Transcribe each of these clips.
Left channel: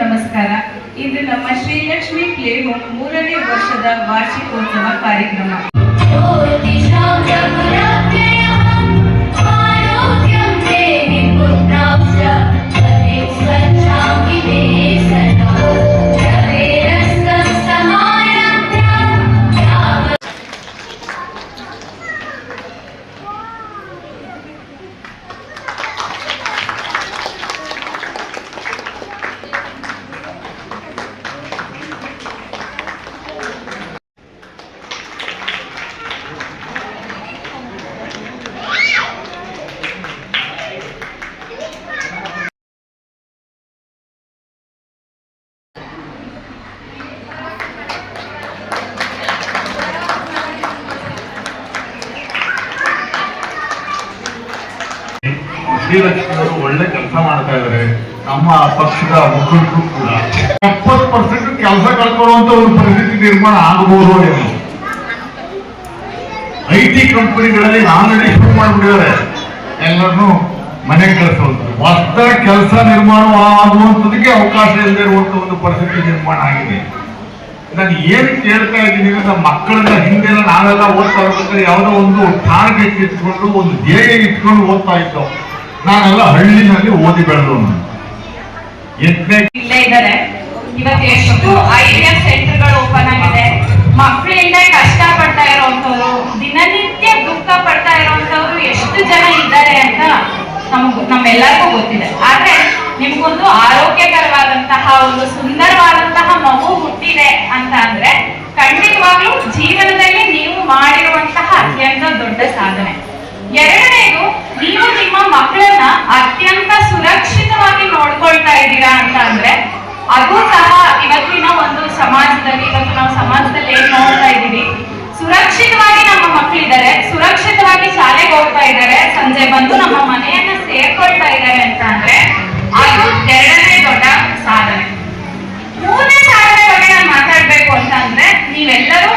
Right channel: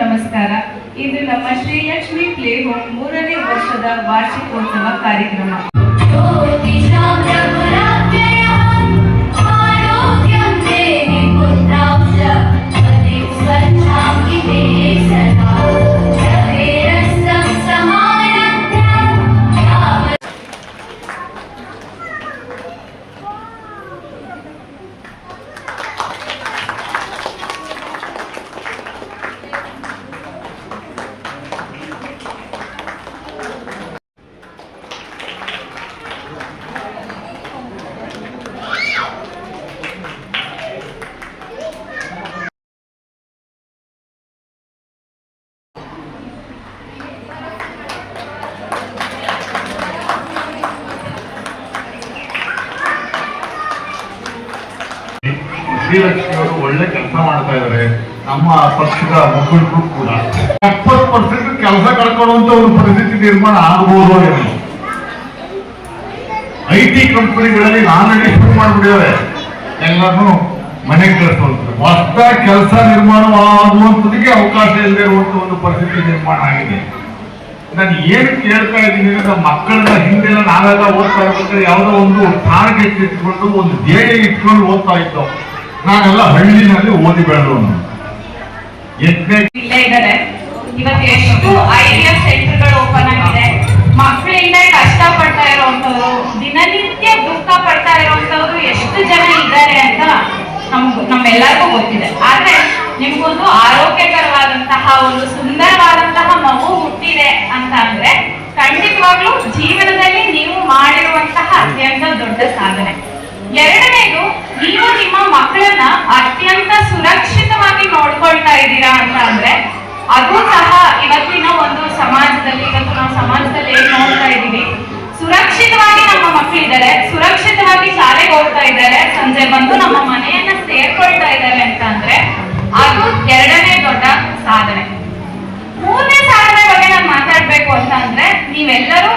ನಮಸ್ಕಾರ. ಇದು ನಮ್ಮ ಶ್ರೀಲಕ್ಷ್ಮಿ ಪ್ಲೇ ಹೋಮ್ 3ನೇ ವರ್ಷದ ವಾರ್ಷಿಕೋತ್ಸವ ಕಾರ್ಯಕ್ರಮ. ಶ್ರೀಲಕ್ಷ್ಮಿ ಅವರು ಒಳ್ಳೆ ಕೆಲಸ ಮಾಡ್ತಾ ಇದ್ದಾರೆ. ನಮ್ಮ ಪಕ್ಷದ ಮುಖಂಡರು ಕೂಡ 70% ಕೆಲಸ ಕಳ್ಕೊಳ್ಳುವಂತ ಒಂದು ಪರಿಸ್ಥಿತಿ ನಿರ್ಮಾಣ ಆಗಬಹುದು ಏನು. IT ಕಂಪನಿಗಳಲ್ಲಿ ಆಲ್ರೆಡಿ ಶುರು ಮಾಡಿಬಿಟ್ಟಿದ್ದಾರೆ, ಎಲ್ಲರನ್ನು ಮನೆ ಕಳಿಸುವಂತ ಹೊಸ ಕೆಲಸ ನಿರ್ಮಾಣ ಆಗುವಂತದಕ್ಕೆ ಅವಕಾಶ ಇಲ್ಲದೆ ಇರುವಂತ ಒಂದು ಪರಿಸ್ಥಿತಿ ನಿರ್ಮಾಣ ಆಗಿದೆ. ನಾನು ಏನ್ ಕೇಳ್ತಾ ಇದ್ದೀನಿ ಅಂದ್ರೆ, ಮಕ್ಕಳನ್ನ ಹಿಂದೆ ನಾವೆಲ್ಲ ಓದ್ತಾ ಇರ್ಬೇಕಾದ್ರೆ ಯಾವುದೋ ಒಂದು ಟಾರ್ಗೆಟ್ ಇಟ್ಕೊಂಡು ಒಂದು ಧ್ಯೇಯ ಇಟ್ಕೊಂಡು ಓದ್ತಾ ಇದ್ದೋ. ನಾನೆಲ್ಲ ಹಳ್ಳಿನಲ್ಲಿ ಓದಿ ಬೆಳೆದವನು. ಇಲ್ಲೇ ಇದ್ದಾರೆ. ಇವತ್ತು ಎಷ್ಟು IVF ಸೆಂಟರ್ಗಳು ಓಪನ್ ಆಗಿದೆ. ಮಕ್ಕಳಿಂದ ಕಷ್ಟ ಪಡ್ತಾ ಇರುವಂತವ್ರು, ದಿನನಿತ್ಯ ದುಃಖ ಪಡ್ತಾ ಇರುವಂತವ್ರು ಎಷ್ಟು ಜನ ಇದ್ದಾರೆ ಅಂತ ನಮ್ಮೆಲ್ಲರಿಗೂ ಗೊತ್ತಿದೆ. ಆದ್ರೆ ನಿಮ್ಗೊಂದು ಆರೋಗ್ಯಕರವಾದಂತಹ ಒಂದು ಸುಂದರವಾದಂತಹ ಮಗು ಹುಟ್ಟಿದೆ ಅಂತ ಅಂದ್ರೆ ಖಂಡಿತವಾಗ್ಲೂ ಜೀವನದಲ್ಲಿ ನೀವು ಮಾಡಿರುವಂತಹ ಅತ್ಯಂತ ದೊಡ್ಡ ಸಾಧನೆ. ಎರಡನೇದು, ನೀವು ನಿಮ್ಮ ಮಕ್ಕಳನ್ನ ಅತ್ಯಂತ ಸುರಕ್ಷಿತವಾಗಿ ನೋಡ್ಕೊಳ್ತಾ ಇದ್ದೀರಾ ಅಂತ ಅಂದ್ರೆ ಅದು ಸಹ ಇವತ್ತಿನ ಒಂದು ಸಮಾಜದಲ್ಲಿ, ಇವತ್ತು ನಾವು ಸಮಾಜದಲ್ಲಿ ಏನ್ ನೋಡ್ತಾ ಇದ್ದೀವಿ, ಸುರಕ್ಷಿತವಾಗಿ ನಮ್ಮ ಮಕ್ಕಳಿದ್ದಾರೆ, ಸುರಕ್ಷಿತವಾಗಿ ಶಾಲೆಗೆ ಹೋಗ್ತಾ ಇದ್ದಾರೆ, ಸಂಜೆ ಬಂದು ನಮ್ಮ ಮನೆಯನ್ನ ಸೇರ್ಕೊಳ್ತಾ ಇದ್ದಾರೆ ಅಂತ ಅಂದ್ರೆ ಅದು ಎರಡನೇ ದೊಡ್ಡ ಸಾಧನೆ. ಮೂರನೇ ಸಾಧನೆ ಬಗ್ಗೆ ನಾನು ಮಾತಾಡ್ಬೇಕು ಅಂತ ಅಂದ್ರೆ, ನೀವೆಲ್ಲರೂ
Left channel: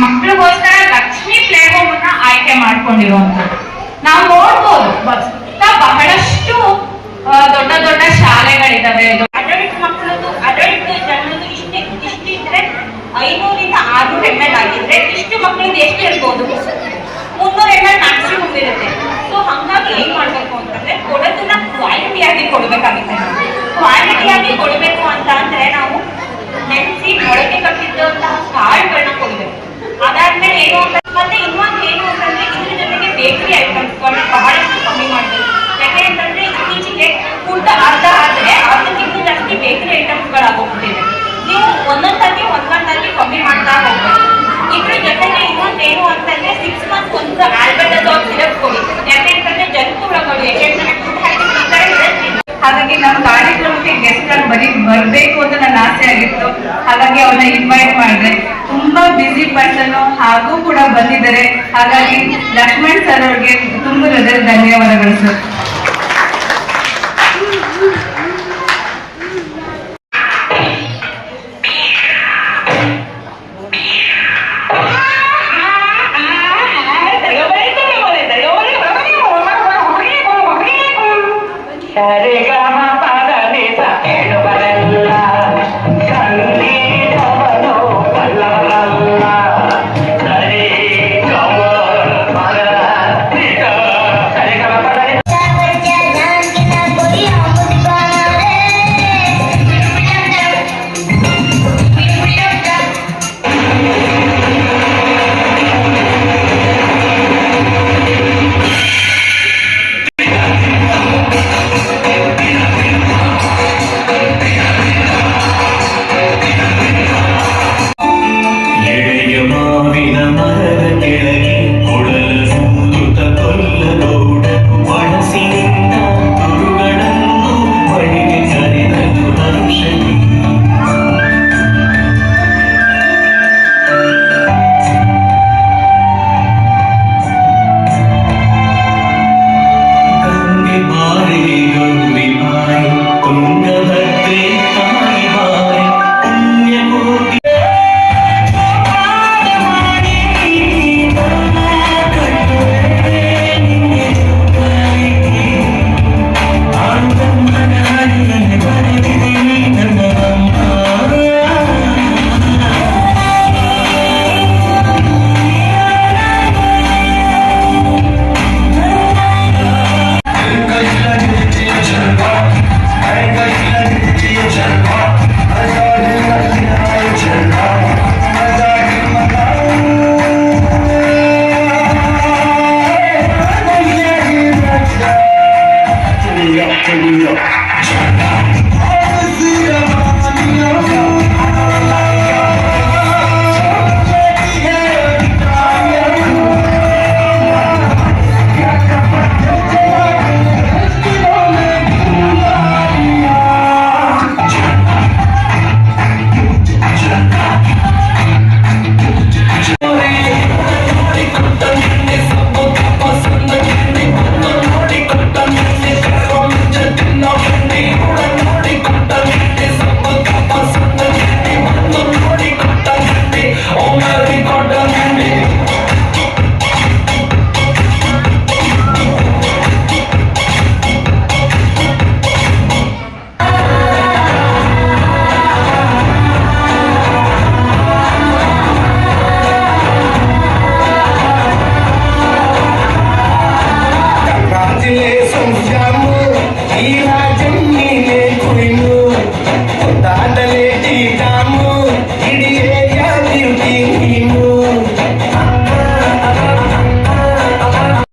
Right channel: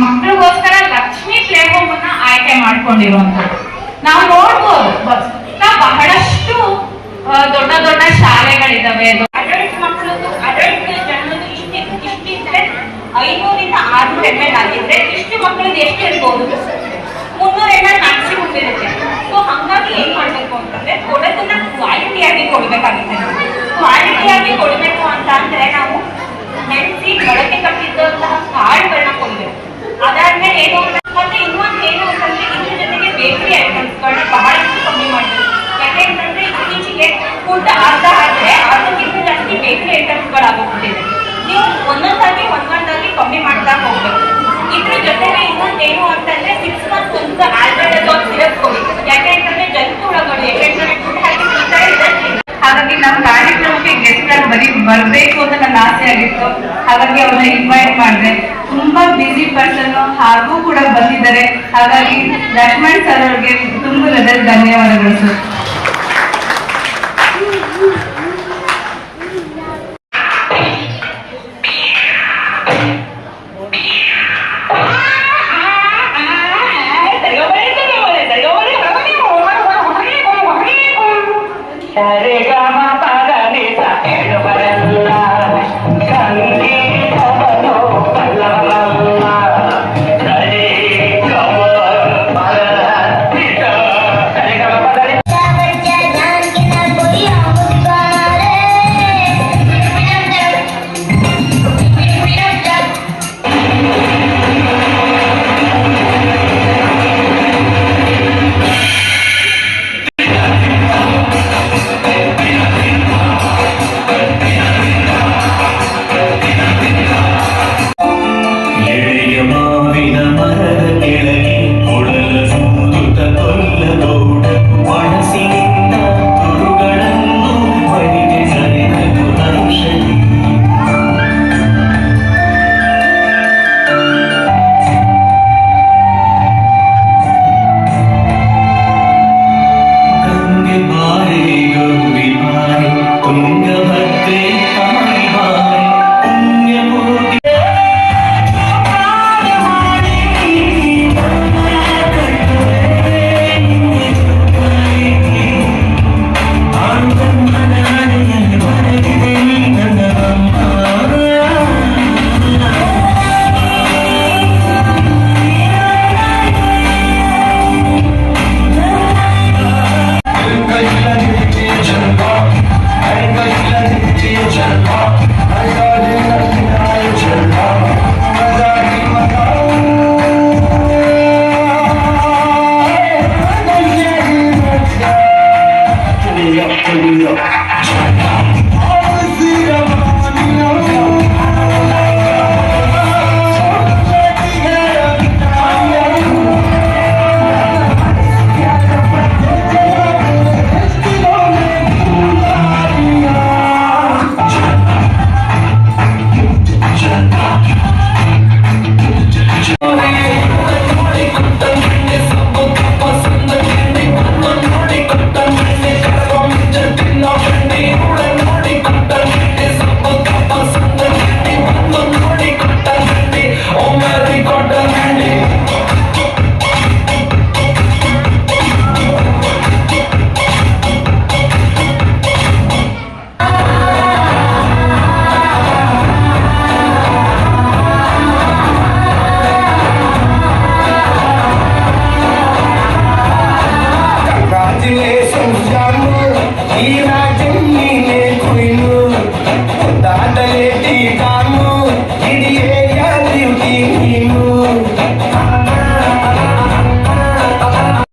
ಮಕ್ಕಳಿಗೋಸ್ಕರ ಲಕ್ಷ್ಮಿ ಪ್ಲೇ ಹೋಮ್ ಅನ್ನ ಆಯ್ಕೆ ಮಾಡ್ಕೊಂಡಿರುವಂತದ್ದು ನಾವು ನೋಡ್ಬೋದು. ಬಹಳಷ್ಟು ದೊಡ್ಡ ದೊಡ್ಡ ಶಾಲೆಗಳಿದಾವೆ. ಅಡಲ್ಟ್ ಮಕ್ಕಳದ್ದು ಅಡಲ್ಟ್ ಜನ್ಮದ್ದು ಇಷ್ಟಿದ್ರೆ 500ರಿಂದ 600 ml ಆಗಿದ್ರೆ ಇಷ್ಟು ಮಕ್ಕಳದ್ದು ಎಷ್ಟು ಇರ್ಬೋದು? 300 ml ಮ್ಯಾಕ್ಸಿಮಮ್ ಇರುತ್ತೆ. ಸೊ ಹಂಗಾಗಿ ಏನ್ ಮಾಡ್ಬೇಕು ಅಂತಂದ್ರೆ ಕೊಡೋದನ್ನ ಕ್ವಾಲಿಟಿಯಾಗಿ ಕೊಡ್ಬೇಕಾಗುತ್ತೆ. ಕ್ವಾಲಿಟಿಯಾಗಿ ಕೊಡ್ಬೇಕು ಅಂತ ಅಂದ್ರೆ ನಾವು ನೆನೆಸಿ ಮೊಳಕೆ ಕಟ್ಟಿದ್ದಂತಹ ಕಾಳುಗಳನ್ನ ಕೊಡ್ಬೇಕು. ಅದಾದ್ಮೇಲೆ ಏನು ಅಂತ, ಮತ್ತೆ ಇನ್ನೊಂದು ಏನು ಅಂತಂದ್ರೆ ಇದ್ರ ಜೊತೆಗೆ ಬೇಕರಿ ಐಟಮ್ಸ್ಗಳನ್ನ ಬಹಳಷ್ಟು ಕಮ್ಮಿ ಮಾಡ್ಬೇಕು. ಯಾಕೆಂತಂದ್ರೆ ಇತ್ತೀಚೆಗೆ ಫುಡ್ ಅರ್ಧ ಆದ್ರೆ ಅದಕ್ಕಿಂತ ಜಾಸ್ತಿ ಬೇಕರಿ ಐಟಮ್ಸ್ಗಳಾಗೋಗ್ಬಿಟ್ಟಿದೆ. ನೀವು ಒಂದೊಂದಾಗಿ ಕಮ್ಮಿ ಮಾಡ್ತಾ ಹೋಗ್ಬೇಕು. ಇದ್ರ ಜೊತೆಗೆ ಇನ್ನೊಂದು ಏನು ಅಂತಂದ್ರೆ 6 months ಒಂದು ಆಲ್ಬೆಂಡಜೋಲ್ ಸಿರಪ್ ಕೊಡಿ. ಯಾಕೆಂತಂದ್ರೆ ಜಂತುಹುಳುಗಳು ಹಾಗಾಗಿ ನಮ್ಮ ಕಾರ್ಯಕ್ರಮಕ್ಕೆ ಗೆಸ್ಟ್ ಆಗಿ ಬರ್ಬೇಕು ಅಂತ ನನ್ನ ಆಸೆ ಆಗಿತ್ತು. ಹಾಗಾಗಿ ಅವ್ರನ್ನ ಇನ್ವೈಟ್ ಮಾಡಿದೆ. ತುಂಬಾ ಬಿಸಿ ಪರ್ಸನ್ ಹಾಗೂ ಕೂಡ ಬಂದಿದ್ದಾರೆ. ಹಾಗಾಗಿ ಲಕ್ಷ್ಮಣ್ ಸರ್ ಅವ್ರಿಗೆ ತುಂಬ ಧನ್ಯವಾದಗಳು ಸರ್.